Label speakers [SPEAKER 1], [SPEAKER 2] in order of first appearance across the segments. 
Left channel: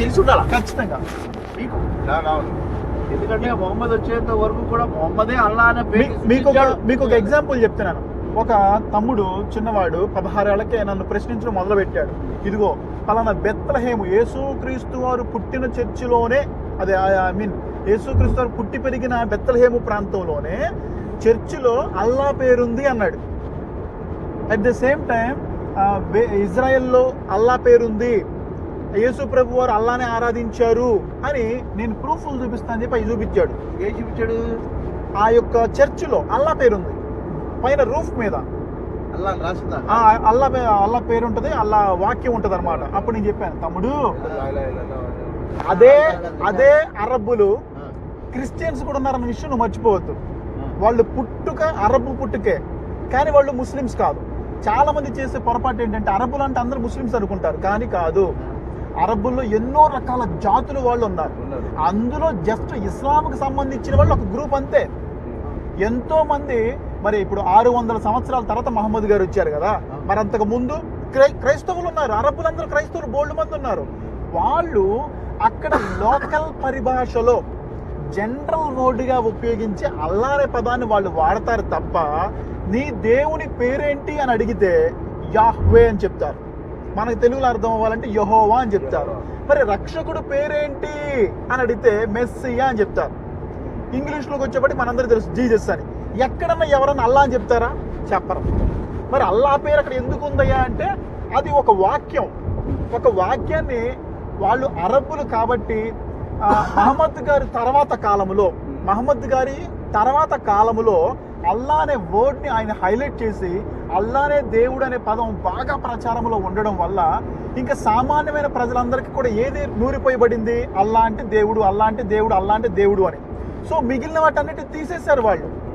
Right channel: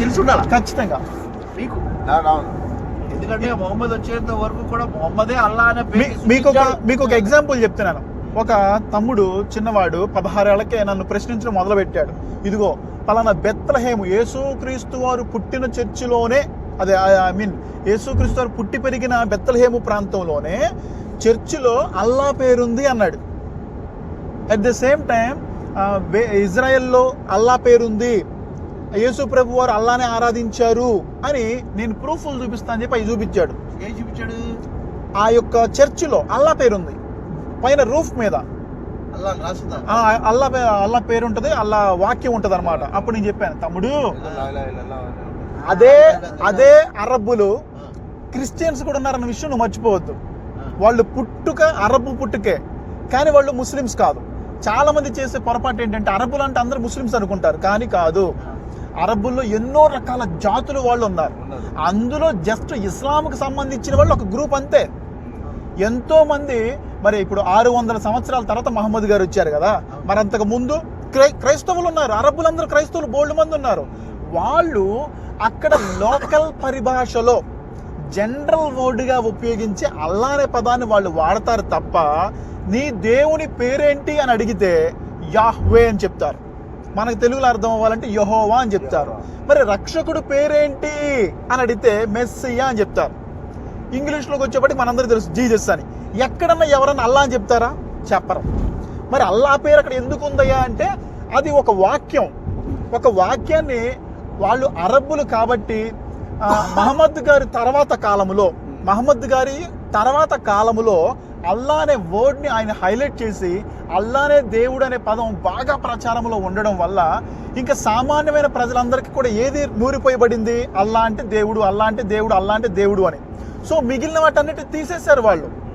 [SPEAKER 1] తెలిసి ఉండాలి
[SPEAKER 2] ఖచ్చితంగా.
[SPEAKER 1] మీకు? ఎందుకంటే మొహమ్మద్ వచ్చేంత వరకు కూడా మొహమ్మదే అల్లా అనే
[SPEAKER 2] మీకు. మీకు ఒక ఎగ్జాంపుల్ చెప్తున్నాను. ఒక తమ్ముడు చిన్నవాడు పదహారేళ్ళకే నన్ను ప్రశ్నించడం మొదలు పెట్టాడు ఇదిగో పలానా బెత్తలహేము యేసుక్రీస్తు వారు పుట్టిన చర్చిలోనే అదే ఐ మీన్ యేసుక్రీస్తు వారు పుట్టి పెరిగిన బెత్తలహేము ప్రాంతంలోనే చర్చిలో అల్లా పేరుంది అన్నాడు. అట్ ద సేమ్ టైం ఇజ్రాయెల్లో అల్లా పేరుంది. యేసు ప్రభు వారు అల్లానే ఆరాధించారు అని నేను ప్రూఫ్లు చూపిస్తాను అని చెప్పి అవి చూపించాడు
[SPEAKER 1] ఏం చూపించాడు
[SPEAKER 2] ఆ యొక్క చర్చిలో అల్లా పేరుంది పైన రూఫ్ మీద
[SPEAKER 1] అల్లా
[SPEAKER 2] అల్లా పేరు ఉంటుంది అల్లా వాక్యం ఉంటుంది అనమాట అప్పుడు నేను చెప్పాను తమ్ముడు అదే అదే అరబ్బులు క్రిస్టియన్స్ కూడా ఉన్నారన్న విషయం నువ్వు మర్చిపోవద్దు. వాళ్ళు పుట్టుక అరబ్బు పుట్టుకే కానీ వాళ్ళు ముస్లిమ్స్ కాదు చాలా మంది చేసే పొరపాటు ఏంటంటే అరబ్బులు అంటే అందరూ ముస్లిమ్స్ అనుకుంటారు కానీ కాదు అరబ్బుల్లో ఎన్నో రకాల జాతులు వాళ్ళు ఉన్నారు. అందులో జస్ట్ ఇస్లాంకి సంబంధించిన వాళ్ళు ఒక గ్రూప్ అంతే. ఎంతో మంది మరి ఇప్పుడు ఆరు వందల సంవత్సరాల తర్వాత మహమ్మద్ గారు వచ్చారు కదా. మరి అంతకు ముందు క్రై క్రైస్తవులు ఉన్నారు. అరబ్బులందరూ క్రైస్తవులు బోల్డ్ మంది ఉన్నారు. వాళ్ళు అక్కడ లోకల్ పరిభాషలో జనరల్ వర్డ్గా ఉపయోగించి అల్లా అనే పదాన్ని వాళ్ళు వాడతారు తప్ప నీ దేవుని పేరేంటి అని అడిగితే యాహ్వే అని చెప్తారు. మనకు తెలుగులో అర్థం అవ్వాలంటే యహోవా అని చెప్తారు. మరి రక్షకుడు పేరేంటి అని అడిగితే మెస్సియా అని చెప్తారు. ఇంగ్లీష్లోకి వచ్చేప్పటికి మనందరికీ తెలుసు జీజస్ అని. ఎక్కడన్నా ఎవరన్నా అల్లా అని చెప్తారా? చెప్పరు. మరి అల్లా పేరు అక్కడ ఎందుకు ఉందయ్యా అంటే అది ఒక వాక్యం. ఒక వాక్యాన్ని వాళ్ళు అరబ్బులు కాబట్టి మహమ్మద్ గారి తర్వాత కాలంలో మహమ్మద్ గారి తర్వాత కాలములో అల్లా అనే వర్డ్ని ఆయన హైలైట్ చేసి అల్లానే దేవుడు అనే పదం బాగా ప్రచారంలో ఉండడం వల్ల ఇంకా సామాన్యమైన ప్రజలందరికీ కూడా ఏది నూరిపోయబడింది? అల్లా అంటే దేవుడు అల్లా అంటే దేవుడు అల్లా అంటే దేవుడు అని. సో మిగిలిన వాటన్నిటి తీసేశారు వాళ్ళు.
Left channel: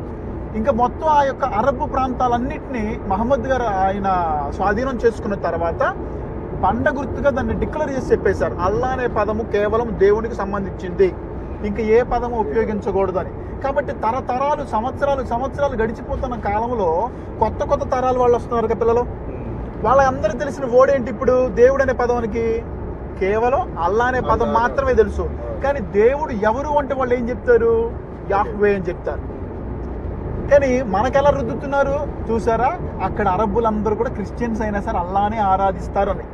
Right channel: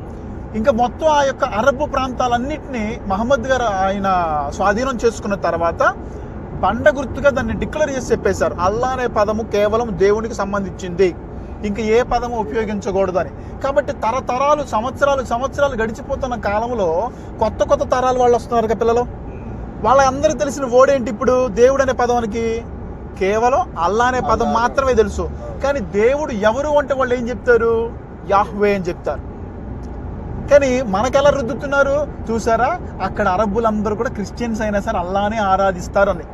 [SPEAKER 2] ఇంకా మొత్తం ఆ యొక్క అరబ్ ప్రాంతాలన్నింటినీ మహమ్మద్ గారు ఆయన స్వాధీనం చేసుకున్న తర్వాత బండ గుర్తుగా దాన్ని డిక్లేర్ చేసి చెప్పేశారు. అల్లా అనే పదము కేవలం దేవునికి సంబంధించింది. ఇంకా ఏ పదము ఉపయోగించకూడదు అని కాబట్టి తరతరాలు సంవత్సరాలు సంవత్సరాలు గడిచిపోతున్న కాలంలో కొత్త కొత్త తరాలు వాళ్ళు వస్తున్నారు కదా పిల్లలు? వాళ్ళందరూ తెలిసిన ఓడేంటి ఇప్పుడు? దేవుడు అనే పదానికి కేవలం అల్లా అనే పదం మాత్రమే తెలుసు. కానీ దేవుడు ఎవరు అంటే వాళ్ళు ఏం చెప్తారు? యాహ్వే అని చెప్తారు. కానీ మనకెలా రుద్దుతున్నారు? చూసారా? అక్కడ అరబ్బులందరూ కూడా క్రిస్టియన్స్ అయినా సరే అల్లానే ఆరాధిస్తారు అని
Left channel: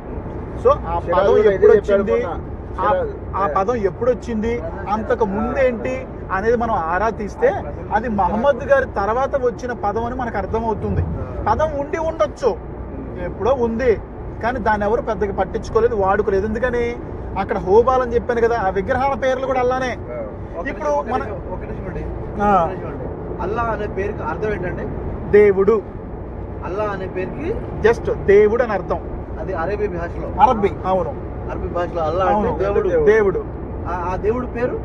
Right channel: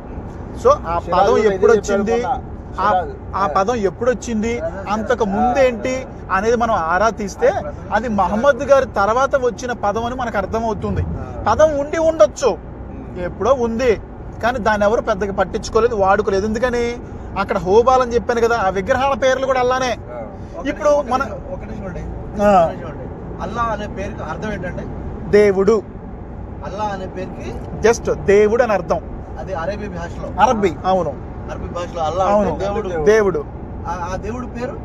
[SPEAKER 2] సో ఆ పదం ఎప్పుడు వచ్చింది? ఆ- ఆ పదం ఎప్పుడు వచ్చింది అంతకు ముందేంటి అనేది మనం ఆరా తీస్తే అది మహమ్మద్ గారి తర్వాత వచ్చిన పదం అని మనకు అర్థమవుతుంది. పదం ఉండి ఉండొచ్చు. ఎప్పుడో ఉంది. కానీ దాన్ని ఎవరు పెద్దగా పట్టించుకోలేదు వాడుకోలేదు. ఎందుకని? అక్కడ హోబాల్ అని చెప్పాను కదా ఆ విగ్రహాల పేర్లు కూడా అలానే ఇప్పుడు మన-.
[SPEAKER 1] అల్లా అనే పేరుకి అర్థం ఏంటంటే
[SPEAKER 2] దేవుడు.
[SPEAKER 1] అల్లా అనే పేరుకి
[SPEAKER 2] జస్ట్ దేవుడు అని అర్థం.
[SPEAKER 1] అది అరబీ భాషలో.
[SPEAKER 2] అరబ్బీ అవును.
[SPEAKER 1] అరబీ భాషలో అల్లా అంటే దేవుడు.
[SPEAKER 2] దేవుడు.
[SPEAKER 1] ఆ- ఆ దేవుడు పేరు?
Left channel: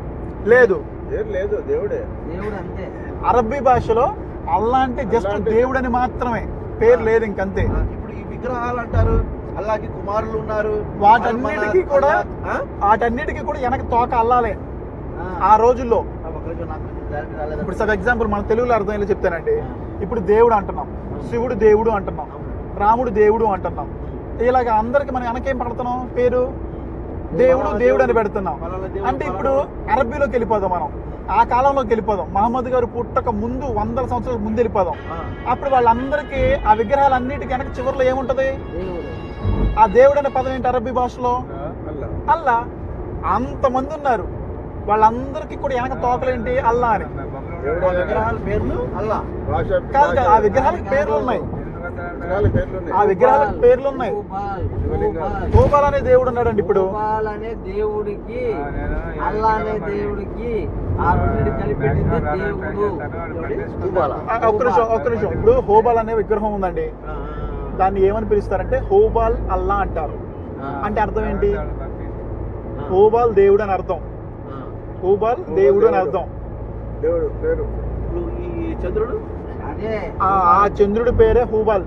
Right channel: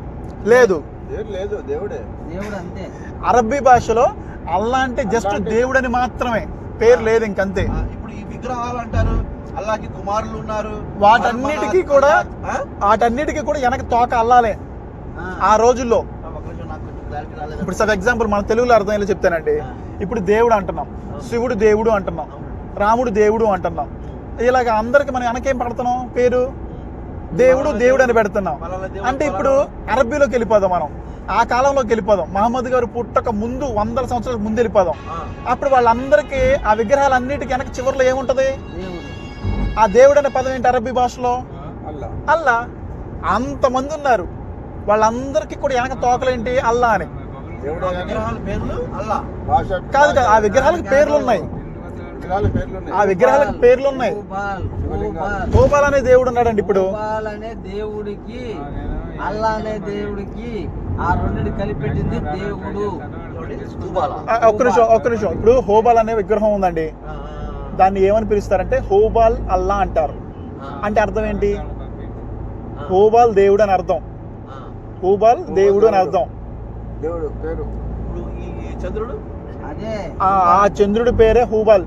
[SPEAKER 2] లేదు.
[SPEAKER 3] లేదు దేవుడే.
[SPEAKER 1] దేవుడు అంతే.
[SPEAKER 2] అరబ్బీ భాషలో అల్లా అంటే జస్ట్ దేవుడు అని మాత్రమే. పేరు లేదు ఇంకంతే.
[SPEAKER 1] ఇప్పుడు ఈ విగ్రహాలు అంటారు అల్లాకి కుమారులు ఉన్నారు
[SPEAKER 2] వాటన్నిటికీ కూడా
[SPEAKER 1] ఆ?
[SPEAKER 2] వాటన్నిటికీ కూడా వెనక తోక అల్లాలే. ఆ. రోజుల్లో. ఇప్పుడు సబ్ ఎగ్జాంపుల్ మన తెలుగులో అర్థమయ్యేలా చెప్తానండి. ఇప్పుడు దేవుడు అంటున్నాం శివుడు దేవుడు అంటున్నాం రాముడు దేవుడు అంటున్నాం. ఇలాగ అందరికి మనం వెనకేం పెడుతున్నాం? పేరు? దేవుడు దేవుడు అని పెడుతున్నాం. అంటే ఇప్పుడు అరబ్బీలోకి వెళ్ళిపోదాం మనం. ఆ కాలంలోకి వెళ్ళిపోదాం. మహమ్మద్ గారు పుట్టక ముందు వందల సంవత్సరాల ముందు వెళ్ళిపోదాం. అప్పుడు వాళ్ళందరికీ ఆ విగ్రహాలన్నిటికీ వెనక చివరిలో ఏముంటది? ఆ దేవుడు అనే పదం ఏంటి అరబ్బీ భాషలో?
[SPEAKER 3] అల్లా.
[SPEAKER 2] అంతమంది ఉన్నారు. వాళ్ళందరికీ కూడా వెనక తోకలేంటి అల్లా అని. కాదు కాదు ఆ విగ్రహాలకు పేర్లు ఉన్నాయి. ఆ విగ్రహాలకు పేర్లు ఉన్నాయి
[SPEAKER 4] గోపాల్,
[SPEAKER 2] అనే దేవుడు ఉన్నాడండి ఇప్పుడు.
[SPEAKER 4] గోపాల్ అనే దేవుడికి అల్లా అనే దేవుడికి ఆ రెండింటి కలిపెట్టింది దేవుడు.
[SPEAKER 2] ఒక్క నిమిషం ఒక్క నిమిషం. ఇప్పుడు హోబాల్ అనే విగ్రహం ఉందండి. దాన్ని ఏమని పిలుస్తారంటే హోబాల్ అల్లా అంటారు. అంటే అర్థం ఏంటి? హోబాల్ దేవుడు అని అర్థం. హోబాల్ దేవుడు అని అర్థం.
[SPEAKER 3] దేవుడు పేరు?
[SPEAKER 1] చంద్రుడు?
[SPEAKER 2] ఆ ఆ చంద్రుడి పేరే హూబాల్.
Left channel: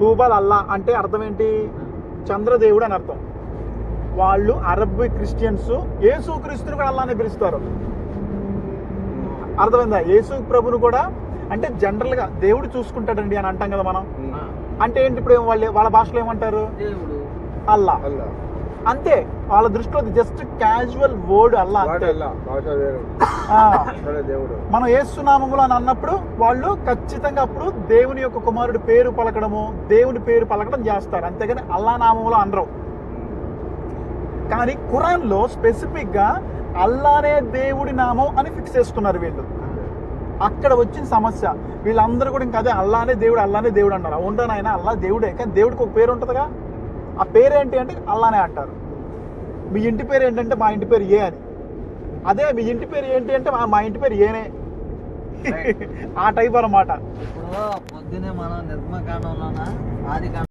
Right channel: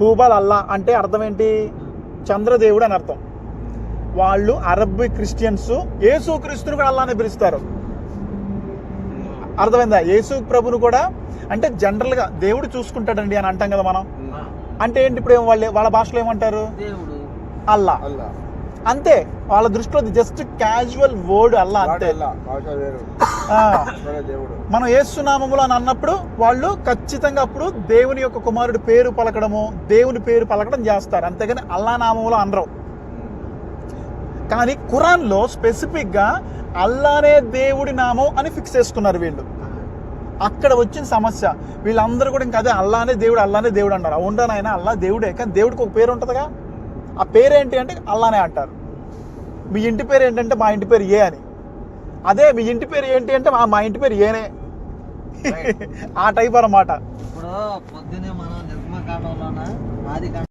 [SPEAKER 2] హూబాల్ అల్లా అంటే అర్థం ఏంటి చంద్రదేవుడు అని అర్థం. వాళ్ళు అరబ్ క్రిస్టియన్స్ యేసు క్రీస్తుని కూడా అల్లానే పిలుస్తారు. అర్థమైందా? యేసు ప్రభును కూడా అంటే జనరల్గా దేవుడు చూసుకుంటాడండి అని అంటాం కదా మనం. అంటే ఏంటి ఇప్పుడు వాళ్ళ వాళ్ళ భాషలో ఏమంటారు? అల్లా.
[SPEAKER 3] అల్లా.
[SPEAKER 2] అంతే వాళ్ళ దృష్టిలో జస్ట్ క్యాజువల్ వర్డ్ అల్లా అంతే. మనం ఏసునామములు అని అన్నప్పుడు వాళ్ళు ఖచ్చితంగా అప్పుడు దేవుని యొక్క కుమారుడి పేరు పలకడము దేవుని పేరు పలకడం చేస్తారు. అంతేగాని అల్లా నామములు అనరు. కానీ ఖురాన్లో స్పెసిఫిక్గా అల్లానే దేవుడి నామం అని ఫిక్స్ చేసుకున్నారు వీళ్ళు. అక్కడ వచ్చిన సమస్య. వీళ్ళందరూ కూడా ఇంకా అదే అల్లానే దేవుడు అల్లానే దేవుడు అంటారు. అవునా నాయన అల్లా దేవుడే. కానీ దేవుడికి ఒక పేరు ఉంటుందిగా? ఆ పేరు ఏంటి అంటే అల్లానే అంటారు. మీ ఇంటి పేరు ఏంటంటే మా ఇంటి పేరు ఏ అని. అదే మీ ఇంటి పేరు ఏంటి అంటే మా మా ఇంటి పేరు ఏనే. ఆ టైప్ అన్నమాట.
[SPEAKER 4] ఇప్పుడు పొద్దునే మనం నిర్మకాండంలోన ఆది